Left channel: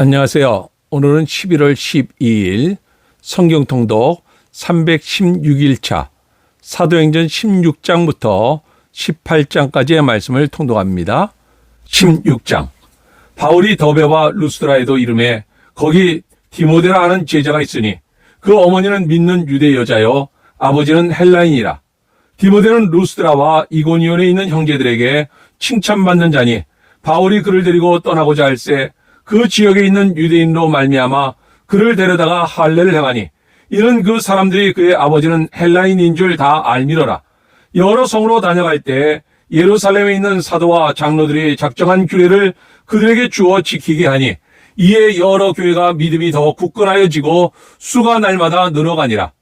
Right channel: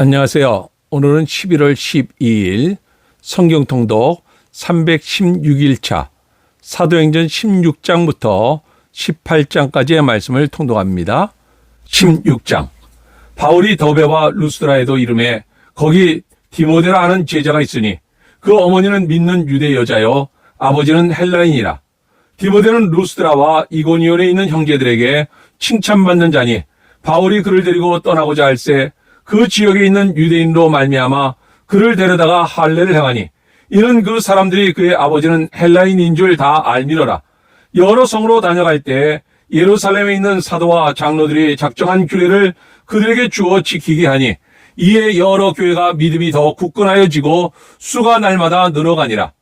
안녕하세요. 오늘은 11월 12일 성경통독 316일차 사도행전 16장부터 18장까지의 말씀을 통독합니다. 16장. 바울이 더베와 루스드라에도 이름에 거기 디모데라 하는 제자가 있으니 그 어머니는 믿는 유대 여자요 아버지는 헬라인이라. 디모데는 루스드라와 이고니온에 있는 형제들에게 칭찬받는 자니 바울이 그를 데리고 떠나고자 할새 그 지역에 있는 유대인으로 말미암아 그를 데려다가 할례를 행하니 이는 그 사람들이 그의 아버지는 헬라인인 줄 다 알미러라. 여러 성으로 다녀갈 때 예루살렘에 있는 사도와 장로들이 작정한 규례를 그들에게 주어 지키게 하니 이에 여러 교회가 믿음이 더 굳건하여지고 수가 날마다 늘어가니라.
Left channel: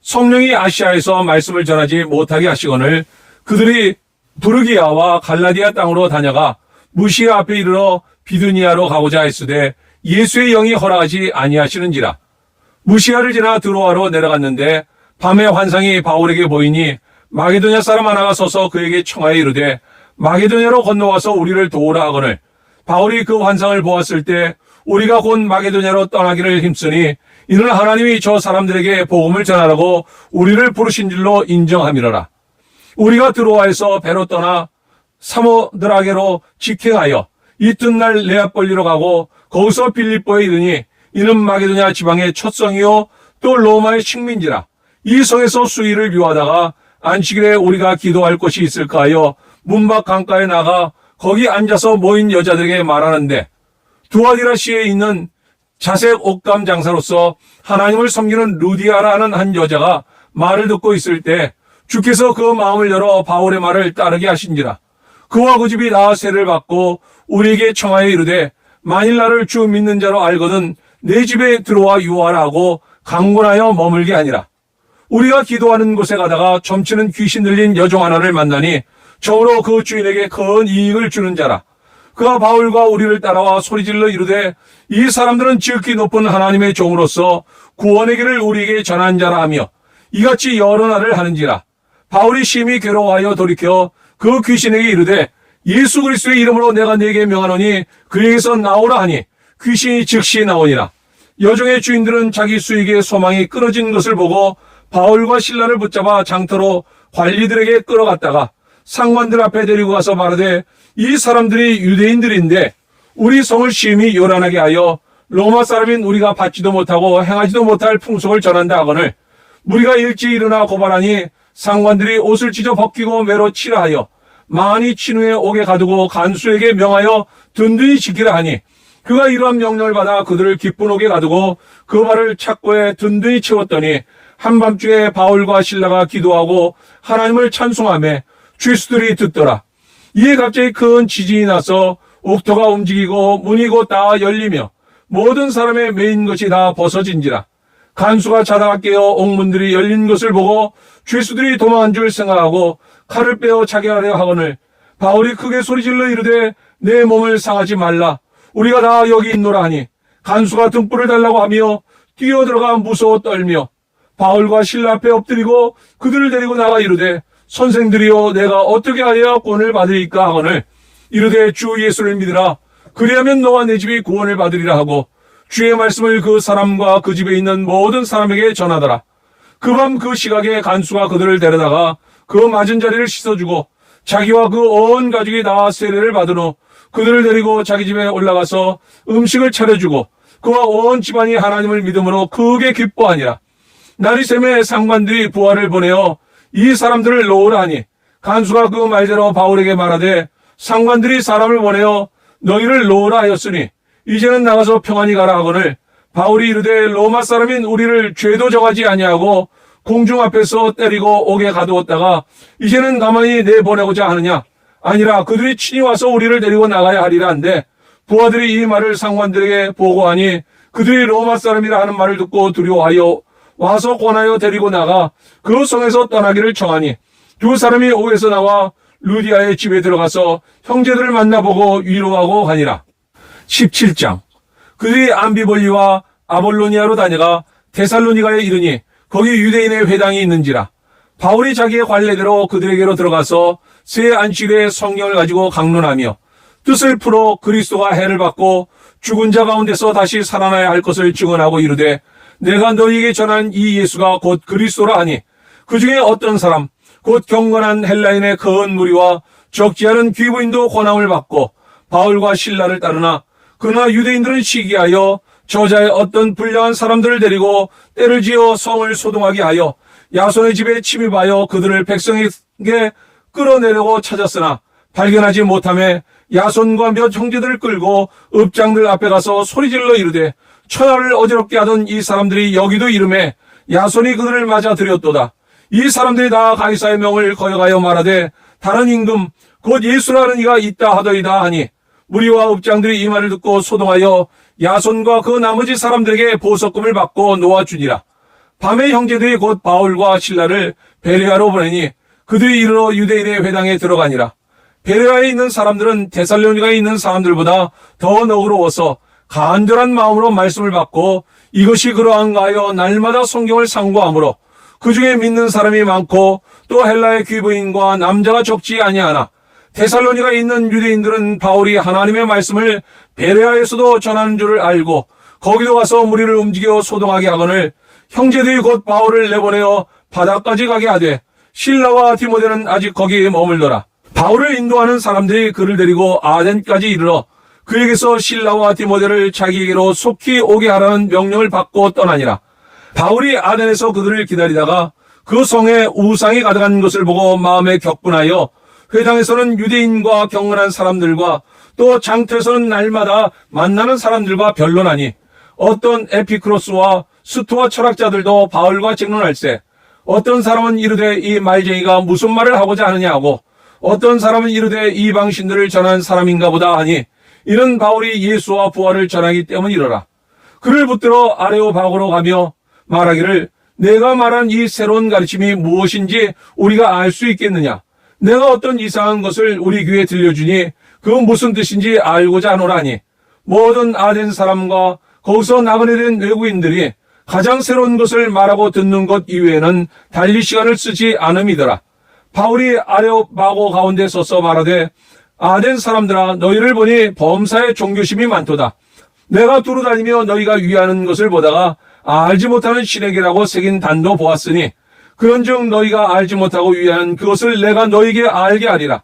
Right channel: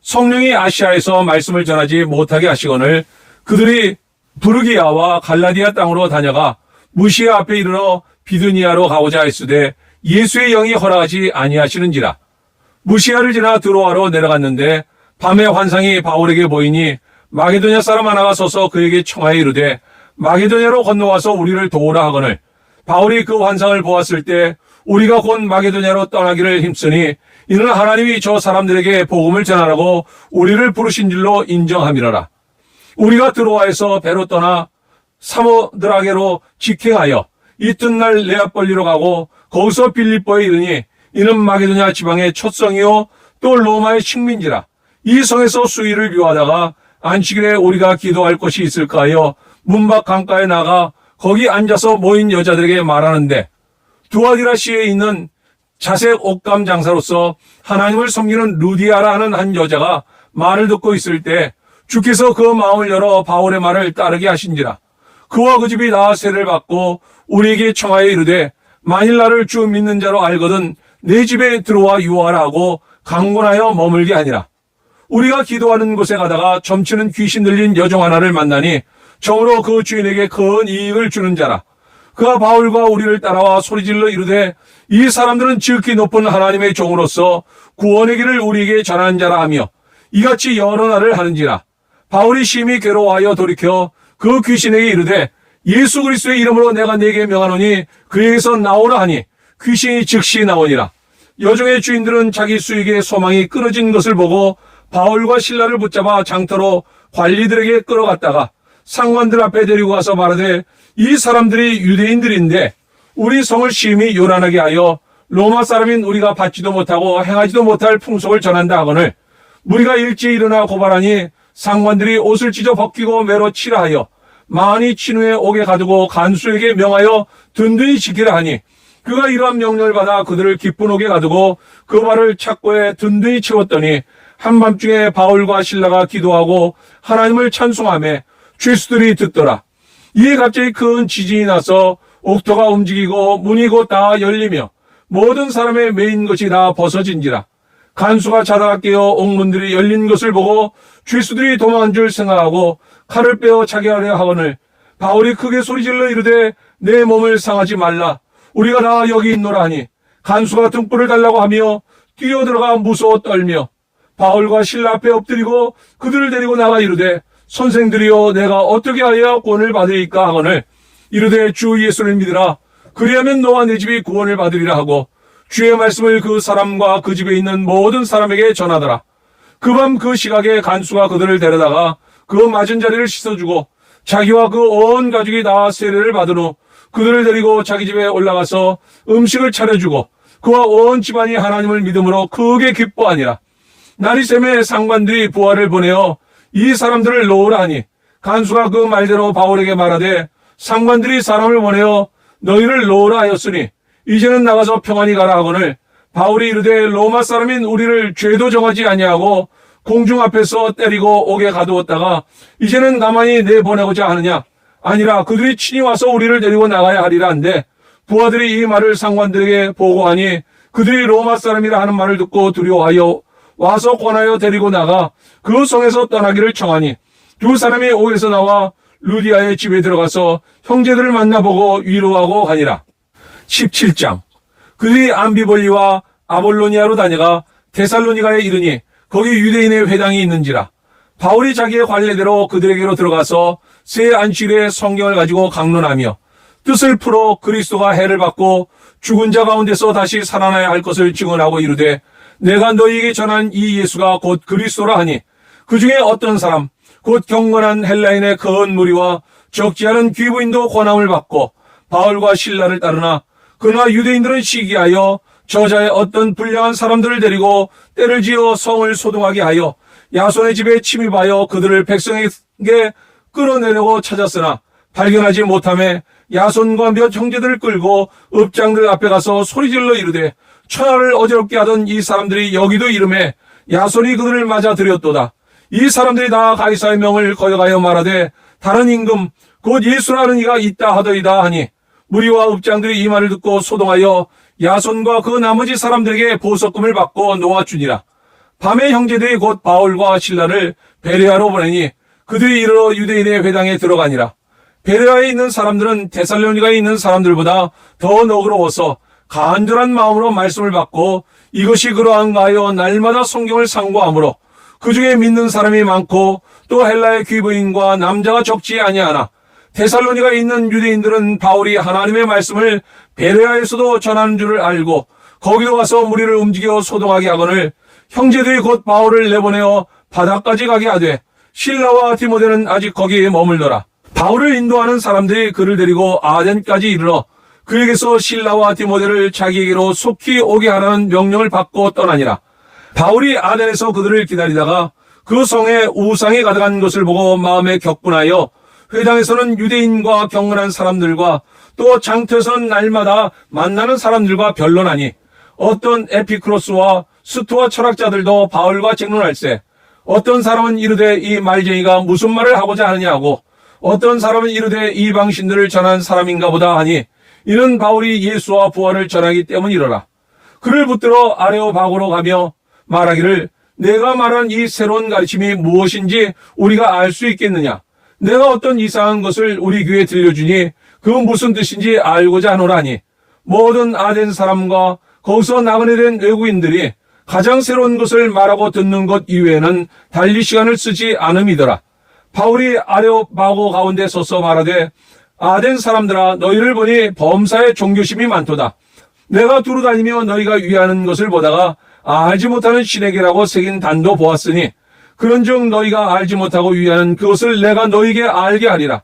성령이 아시아에서 말씀을 전하지 못하게 하시거늘 그들이 부르기아와 갈라디아 땅으로 다녀가 무시아 앞에 이르러 비두니아로 가고자 했으되 예수의 영이 허락하지 아니하시는지라. 무시아를 지나 드로아로 내려갔는데 밤에 환상이 바울에게 보이니 마게도냐 사람 하나가 서서 그에게 청하여 이르되 마게도냐로 건너와서 우리를 도우라 하거늘 바울이 그 환상을 보았을 때 우리가 곧 마게도냐로 떠나기를 힘쓰니 이는 하나님이 저 사람들에게 복음을 전하라고 우리를 부르신 줄로 인정함이로라. 우리가 드로아에서 배로 떠나 사모드라게로 직행하여 이튿날 네아폴리로 가고 거기서 빌립보에 이르니 이는 마게도냐 지방의 첫 성이요 또 로마의 식민지라. 이 성에서 수일을 유하다가 안식일에 우리가 기도할 곳이 있을까 하여 문밖 강가에 나가 거기 앉아서 모인 여자들에게 말하는데 두아디라시에 있는 자색 옷감 장사로서 하나님을 섬기는 루디아라는 한 여자가 말을 듣고 있을 때 주께서 그 마음을 열어 바울의 말을 따르게 하신지라. 그와 그 집이 다 세를 받고 우리에게 청하여 이르되 만일 나를 주 믿는 자로 알거든 내 집에 들어와 유하라 하고 강권하여 머물게 하니라. 우리가 기도하는 곳에 가다가 점치는 귀신 들린 여종 하나를 만나니 저로 그 주인에게 큰 이익을 주는 자라. 그가 바울과 우리를 따라와 소리질러 이르되 이 사람들은 지극히 높은 하나님의 종으로서 구원의 길을 우리에게 전한 자라 하며 이같이 여러 날을 하는지라. 바울이 심히 괴로워하여 돌이켜 그 귀신에게 이르되 예수 그리스도의 이름으로 내가 네게 명하노니 그에게서 나오라 하니 귀신이 즉시 나오니라. 여종의 주인들은 자기 수익의 소망이 끊어진 것을 보고 바울과 실라를 붙잡아 장터로 관리들에게 끌어갔다가 상관들 앞에 데리고 가서 말하되 이 사람들이 유대인들인데 우리 성을 심히 요란하게 하여 로마 사람인 우리가 받지도 못하고 행하지도 못할 풍속을 전한다 하거늘 우리가 일찍 일어나 고발하니 상관들이 옷을 찢어 벗기고 매로 치라 하여 많이 친 후에 옥에 가두고 간수에게 명하여 든든히 지키라 하니 그가 이러한 명령을 받아 그들을 기쁜 옥에 가두고 그 발을 착고에 든든히 채웠더니 한밤중에 바울과 실라가 기도하고 하나님을 찬송하며 죄수들이 듣더라. 이에 갑자기 큰 지진이 나서 옥토가 움직이고 문이 곧 다 열리며 모든 사람의 매인 것이 다 벗어진지라. 간수가 자다가 깨어 옥문들이 열린 것을 보고 죄수들이 도망한 줄 생각하고 칼을 빼어 자기하려 하거늘 바울이 크게 소리질러 이르되 내 몸을 상하지 말라. 우리가 다 여기 있노라 하니 간수가 등불을 달라고 하며 뛰어들어가 무서워 떨며 바울과 실라 앞에 엎드리고 그들을 데리고 나가 이르되 선생들이여 내가 어떻게 하여 구원을 받으리까 하거늘 이르되 주 예수를 믿으라. 그리하면 너와 내 집이 구원을 받으리라 하고 주의 말씀을 그 사람과 그 집에 있는 모든 사람에게 전하더라. 그 밤 그 시각에 간수가 그들을 데려다가 그 맞은 자리를 씻어주고 자기와 그 온 가족이 다 세례를 받은 후 그들을 데리고 자기 집에 올라가서 음식을 차려주고 그와 온 집안이 하나님을 믿음으로 크게 기뻐하니라. 날이 새매 상관들이 부하를 보내어 이 사람들을 놓으라 하니 간수가 그 말대로 바울에게 말하되 상관들이 사람을 보내어 너희를 놓으라 하였으니 이제는 나가서 평안히 가라 하거늘 바울이 이르되 로마 사람인 우리를 죄도 정하지 아니하고 공중 앞에서 때리고 옥에 가두었다가 이제는 나만이 내보내고자 하느냐. 아니라 그들이 친히 와서 우리를 데리고 나가야 하리라 한데 부하들이 이 말을 상관들에게 보고하니 그들이 로마 사람이라 하는 말을 듣고 두려워하여 와서 권하여 데리고 나가 그 성에서 떠나기를 청하니 두 사람이 옥에서 나와 루디아의 집에 들어가서 형제들을 만나보고 위로하고 가니라. 17장. 그들이 암비볼리와 아볼로니아로 다녀가 데살로니가에 이르니 거기 유대인의 회당이 있는지라. 바울이 자기의 관례대로 그들에게로 들어가서 새 안식일에 성경을 가지고 강론하며 뜻을 풀어 그리스도가 해를 받고 죽은 자 가운데서 다시 살아나야 할 것을 증언하고 이르되 내가 너희에게 전한 이 예수가 곧 그리스도라 하니 그 중에 어떤 사람 곧 경건한 헬라인의 큰 무리와 적지 않은 귀부인도 권함을 받고 바울과 실라를 따르나 그러나 유대인들은 시기하여 저자의 어떤 불량한 사람들을 데리고 때를 지어 성을 소동하게 하여 야손의 집에 침입하여 그들을 백성에게 끌어내려고 찾았으나 발견하지 못하며 야손과 몇 형제들을 끌고 읍장들 앞에 가서 소리질러 이르되 천하를 어지럽게 하던 이 사람들이 여기도 이름에 야손이 그들을 맞아 들였도다. 이 사람들이 다 가이사의 명을 거역하여 말하되 다른 임금 곧 예수라는 이가 있다 하더이다 하니 무리와 읍장들이 이 말을 듣고 소동하여 야손과 그 나머지 사람들에게 보석금을 받고 놓아주니라. 밤에 형제들이 곧 바울과 실라를 베레아로 보내니 그들이 이르러 유대인의 회당에 들어가니라. 베레아에 있는 사람들은 데살로니가에 있는 사람들보다 더 너그러워서 간절한 마음으로 말씀을 받고 이것이 그러한가 하여 날마다 성경을 상고하므로 그 중에 믿는 사람이 많고 또 헬라의 귀부인과 남자가 적지 아니하나 데살로니가에 있는 유대인들은 바울이 하나님의 말씀을 베레아에서도 전하는 줄을 알고 거기도 가서 무리를 움직여 소동하게 하거늘 형제들이 곧 바울을 내보내어 바다까지 가게 하되 실라와 디모데는 아직 거기에 머물더라. 바울을 인도하는 사람들이 그를 데리고 아덴까지 이르러 그에게서 실라와 디모데를 자기에게로 속히 오게 하라는 명령을 받고 떠나니라. 바울이 아덴에서 그들을 기다리다가 그 성에 우상이 가득한 것을 보고 마음에 격분하여 회당에서는 유대인과 경건한 사람들과 또 장터에서는 날마다 만나는 사람들과 변론하니 어떤 에피크로스와 스토아 철학자들도 바울과 쟁론할세 어떤 사람은 이르되 이 말쟁이가 무슨 말을 하고자 하느냐 하고 어떤 사람은 이르되 이 방신들을 전한 사람인가 보다 하니 이는 바울이 예수와 부활을 전하기 때문이로라. 그를 붙들어 아레오바고로 가며 말하기를 내가 말한 이 새로운 가르침이 무엇인지 우리가 알 수 있겠느냐. 내가 어떤 이상한 것을 우리 귀에 들려주니 그건 무슨 뜻인지 알고자 하노라니 모든 아덴 사람과 거기서 나그네 된 외국인들이 가장 새로운 것을 말하고 듣는 것 이외에는 달리 시간을 쓰지 않음이더라. 바울이 아레오바고 가운데 서서 말하되 아덴 사람들아 너희를 보니 범사에 종교심이 많도다. 내가 두루 다니며 너희가 위하는 것을 보다가 알지 못하는 신에게라고 새긴 단도 보았으니 그런즉 너희가 알지 못하고 위하는 그것을 내가 너희에게 알게 하리라.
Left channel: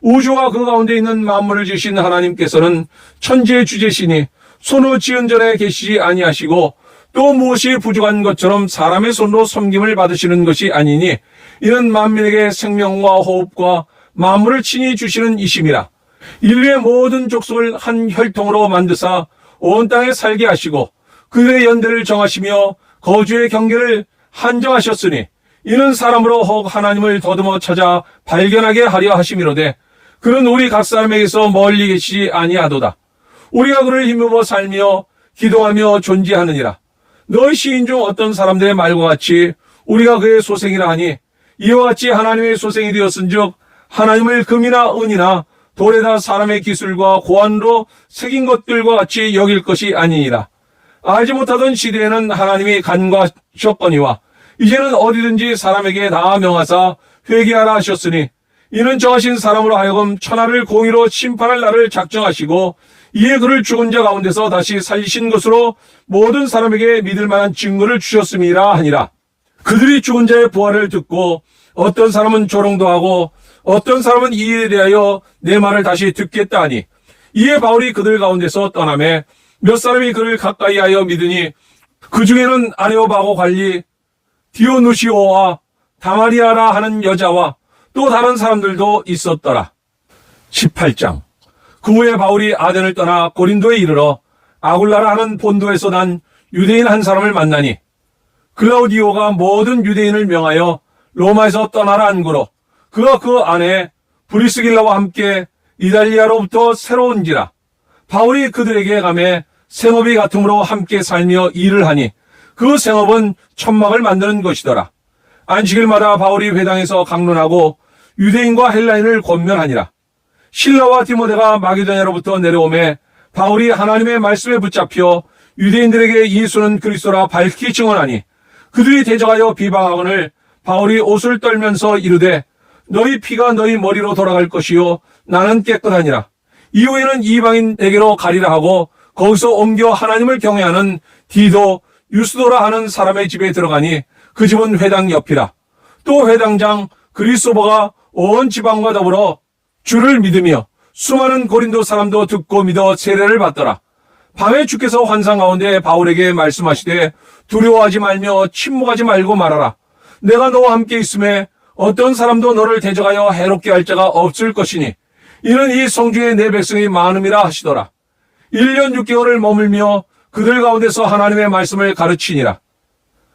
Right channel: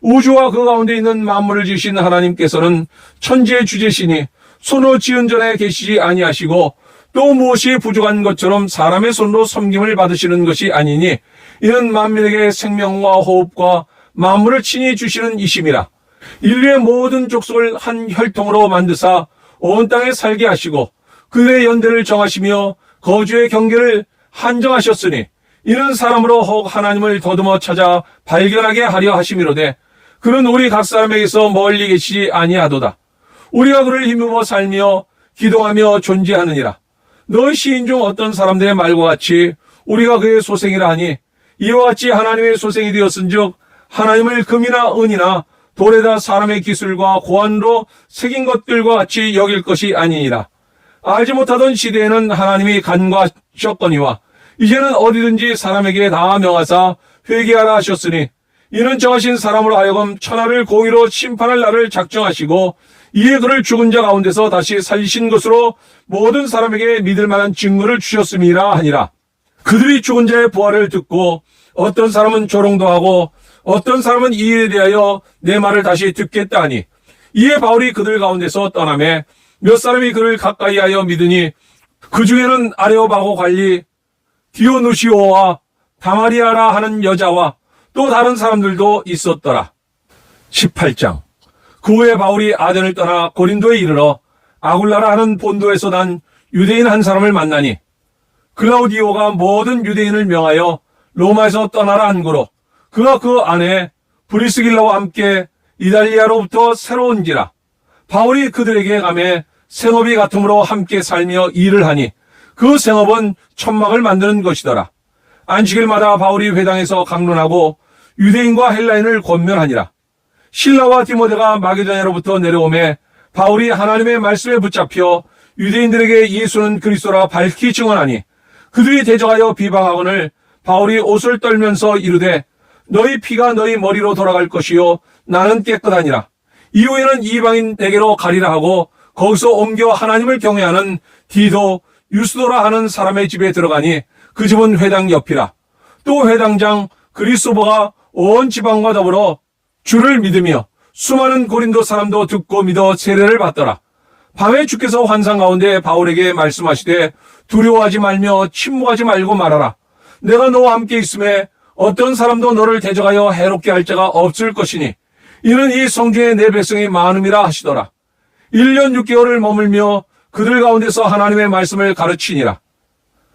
우주와 그 가운데 있는 만물을 지으신 하나님께서는 천지의 주제시니 손으로 지은 전에 계시지 아니하시고 또 무엇이 부족한 것처럼 사람의 손으로 섬김을 받으시는 것이 아니니 이는 만민에게 생명과 호흡과 만물을 친히 주시는 이심이라. 인류의 모든 족속을 한 혈통으로 만드사 온 땅에 살게 하시고 그들의 연대를 정하시며 거주의 경계를 한정하셨으니 이는 사람으로 혹 하나님을 더듬어 찾아 발견하게 하려 하심이로되 그는 우리 각 사람에게서 멀리 계시지 아니하도다. 우리가 그를 힘입어 살며 기도하며 존재하느니라. 너희 시인 중 어떤 사람들의 말과 같이 우리가 그의 소생이라 하니 이와 같이 하나님의 소생이 되었은즉 하나님을 금이나 은이나 돌에다 사람의 기술과 고안으로 새긴 것들과 같이 여길 것이 아니니라. 알지 못하던 시대에는 하나님이 간과하셨거니와 이제는 어디든지 사람에게 다 명하사 회개하라 하셨으니 이는 정하신 사람으로 하여금 천하를 공의로 심판할 날을 작정하시고 이에 그를 죽은 자 가운데서 다시 살리신 것으로 모든 사람에게 믿을 만한 증거를 주셨음이라 하니라. 그들이 죽은 자의 부활을 듣고 어떤 사람은 조롱도 하고 어떤 사람은 이 일에 대하여 내 말을 다시 듣겠다 하니 이에 바울이 그들 가운데서 떠나매 몇 사람이 그를 가까이 하여 믿으니 그 중에는 아레오바고 관리 디오누시오와 다마리아라 하는 여자와 또 다른 사람들도 있었더라. 18장. 그 후에 바울이 아덴을 떠나 고린도에 이르러 아굴라라 하는 본도에서 난 유대인 한 사람을 만나니 글라우디오가 모든 유대인을 명하여 로마에서 떠나라 한고로 그가 그 안에 브리스길라와 함께 이달리아로부터 새로 온지라. 바울이 그들에게 가매 생업이 같음으로 함께 살며 일을 하니 그 생업은 천막을 만드는 것이더라. 안식일마다 바울이 회당에서 강론하고 유대인과 헬라인을 권면하니라. 실라와 디모데가 마게도냐로부터 내려오매 바울이 하나님의 말씀에 붙잡혀 유대인들에게 예수는 그리스도라 밝히 증언하니 그들이 대적하여 비방하거늘 바울이 옷을 떨면서 이르되 너희 피가 너희 머리로 돌아갈 것이요 나는 깨끗하니라. 이후에는 이방인에게로 가리라 하고 거기서 옮겨 하나님을 경외하는 디도, 유스도라 하는 사람의 집에 들어가니 그 집은 회당 옆이라. 또 회당장 그리스도가 온 지방과 더불어 주를 믿으며 수많은 고린도 사람도 듣고 믿어 세례를 받더라. 밤에 주께서 환상 가운데 바울에게 말씀하시되 두려워하지 말며 침묵하지 말고 말하라. 내가 너와 함께 있음에 어떤 사람도 너를 대적하여 해롭게 할 자가 없을 것이니 이는 이 성중에 내 백성이 많음이라 하시더라. 1년 6개월을 머물며 그들 가운데서 하나님의 말씀을 가르치니라.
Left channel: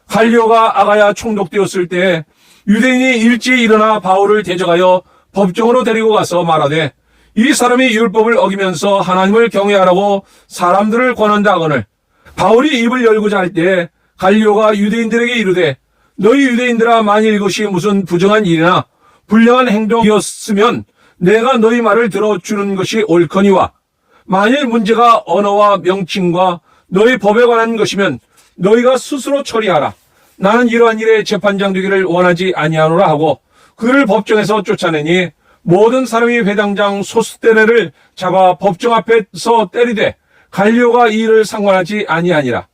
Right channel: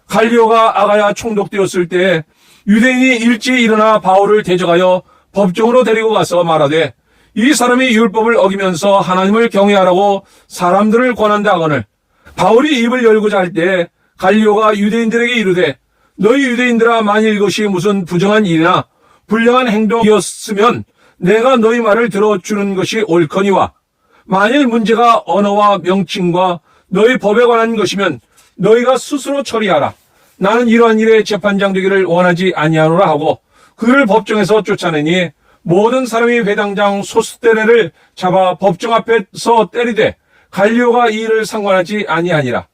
갈리오가 아가야 총독되었을 때 유대인이 일찍 일어나 바울을 대적하여 법정으로 데리고 가서 말하되 이 사람이 율법을 어기면서 하나님을 경외하라고 사람들을 권한다 하거늘 바울이 입을 열고자 할 때 갈리오가 유대인들에게 이르되 너희 유대인들아 만일 이것이 무슨 부정한 일이나 불량한 행동이었으면 내가 너희 말을 들어주는 것이 옳거니와 만일 문제가 언어와 명칭과 너희 법에 관한 것이면 너희가 스스로 처리하라. 나는 이러한 일에 재판장 되기를 원하지 아니하노라 하고 그를 법정에서 쫓아내니 모든 사람이 회당장 소스테네를 잡아 법정 앞에서 때리되 갈리오가 이 일을 상관하지 아니하니라.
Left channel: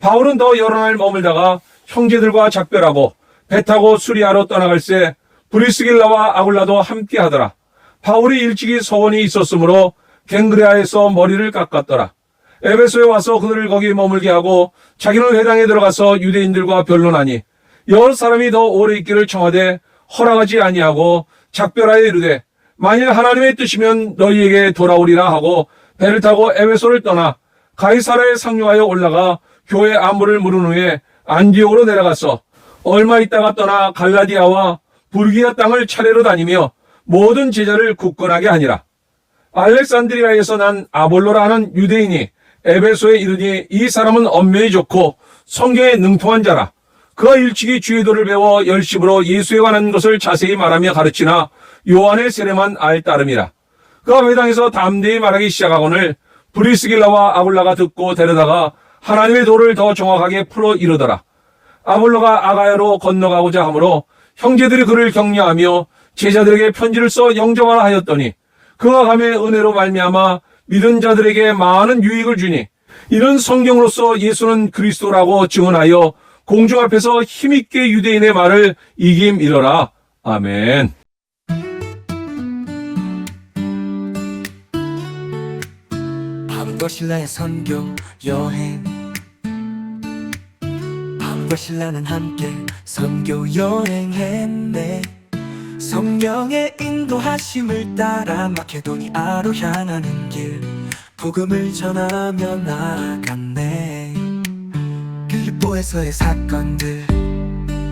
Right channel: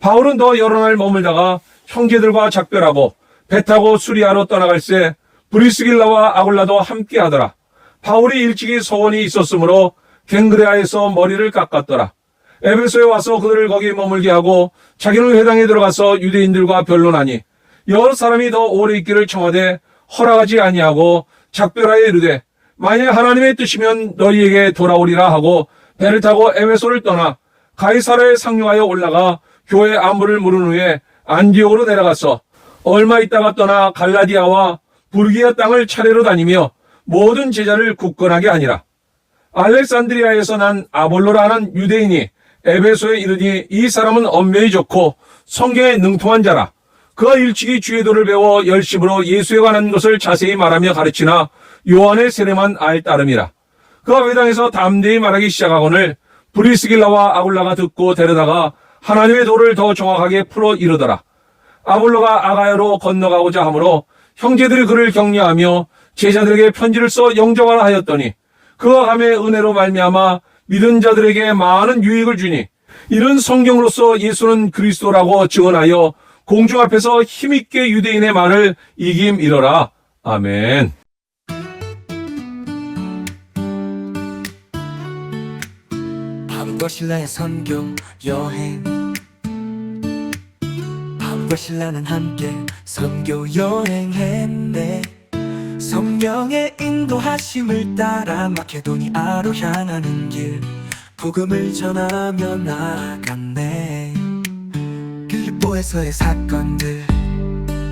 바울은 더 여러 날 머물다가 형제들과 작별하고 배 타고 수리아로 떠나갈새 브리스길라와 아굴라도 함께 하더라. 바울이 일찍이 소원이 있었으므로 갱그레아에서 머리를 깎았더라. 에베소에 와서 그들을 거기 머물게 하고 자기는 회당에 들어가서 유대인들과 변론하니 여러 사람이 더 오래 있기를 청하되 허락하지 아니하고 작별하여 이르되 만일 하나님의 뜻이면 너희에게 돌아오리라 하고 배를 타고 에베소를 떠나 가이사라에 상륙하여 올라가 교회 안부를 물은 후에 안디옥으로 내려가서 얼마 있다가 떠나 갈라디아와 불기아 땅을 차례로 다니며 모든 제자를 굳건하게 하니라. 알렉산드리아에서 난 아볼로라 하는 유대인이 에베소에 이르니 이 사람은 언면이 좋고 성경에 능통한 자라. 그가 일찍이 주의 도를 배워 열심으로 예수에 관한 것을 자세히 말하며 가르치나 요한의 세례만 알 따름이라. 그가 회당에서 담대히 말하기 시작하거늘 브리스길라와 아굴라가 듣고 데려다가 하나님의 도를 더 정확하게 풀어 이르더라. 아볼로가 아가야로 건너가고자 하므로 형제들이 그를 격려하며 제자들에게 편지를 써 영접하라 하였더니 그가 감의 은혜로 말미암아 믿은 자들에게 많은 유익을 주니 이는 성경으로서 예수는 그리스도라고 증언하여 공중 앞에서 힘있게 유대인의 말을 이김이러라. 아멘. 바울과 신라의 선교 여행. 바울과 신라는 함께 선교 여행했네. 성령의 인도하심을 따라 마케도니아로 향하는 길 복음을 전하며 나아갔네. 빌립보에서의 사건들.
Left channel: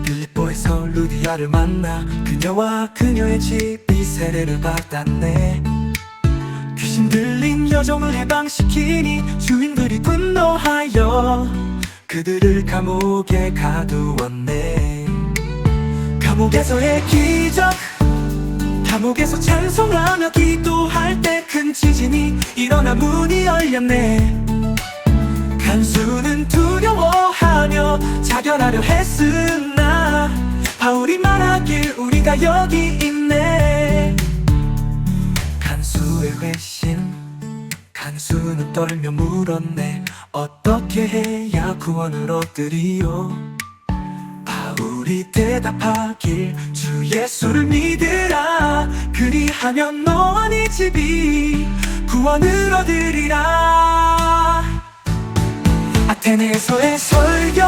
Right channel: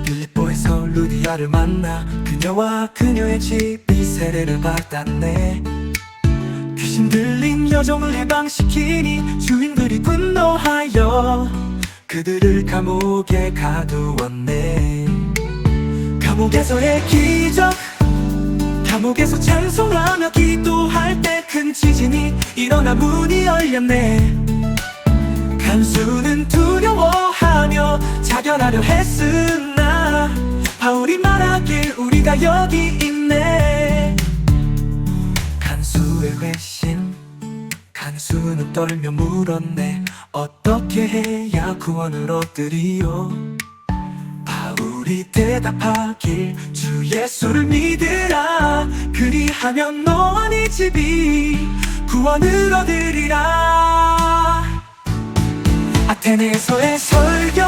빌립보에서 루디아를 만나 그녀와 그녀의 집이 세례를 받았네. 귀신 들린 여종을 해방시키니 주인들이 분노하여 그들을 감옥에 가두었네. 감옥에서의 기적. 감옥에서 찬송하며 기도할 때 큰 지진이 일어나 문이 열렸네. 간수는 두려워하며 자결하려 했으나 바울이 말하길 우리가 여기 있네. 간수의 회신. 간수는 떨며 물었네. 어떻게 해야 구원을 얻으리요? 바울이 대답하길 주 예수를 믿으라. 그리하면 너와 네 집이 구원을 얻으리라. 아테네에서의 설교.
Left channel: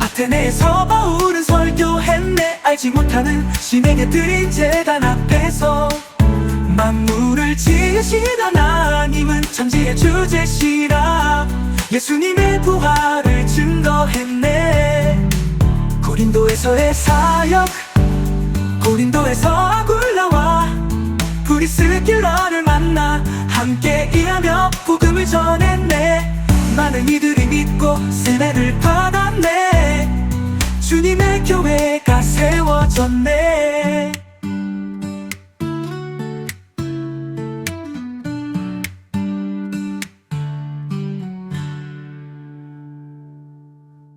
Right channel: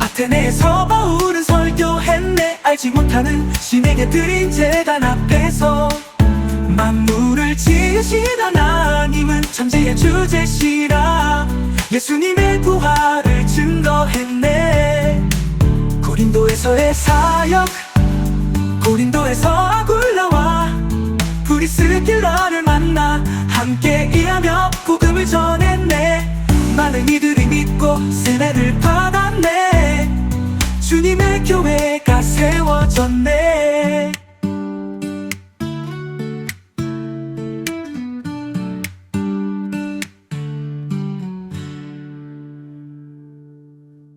아테네에서 바울은 설교했네. 알지 못하는 신에게 드린 제단 앞에서 만물을 지으신 하나님은 천지의 주제시라. 예수님의 부활을 증거했네. 고린도에서의 사역. 고린도에서 아굴라와 브리스길라를 만나 함께 일하며 복음을 전했네. 많은 이들이 믿고 세례를 받았네. 주님의 교회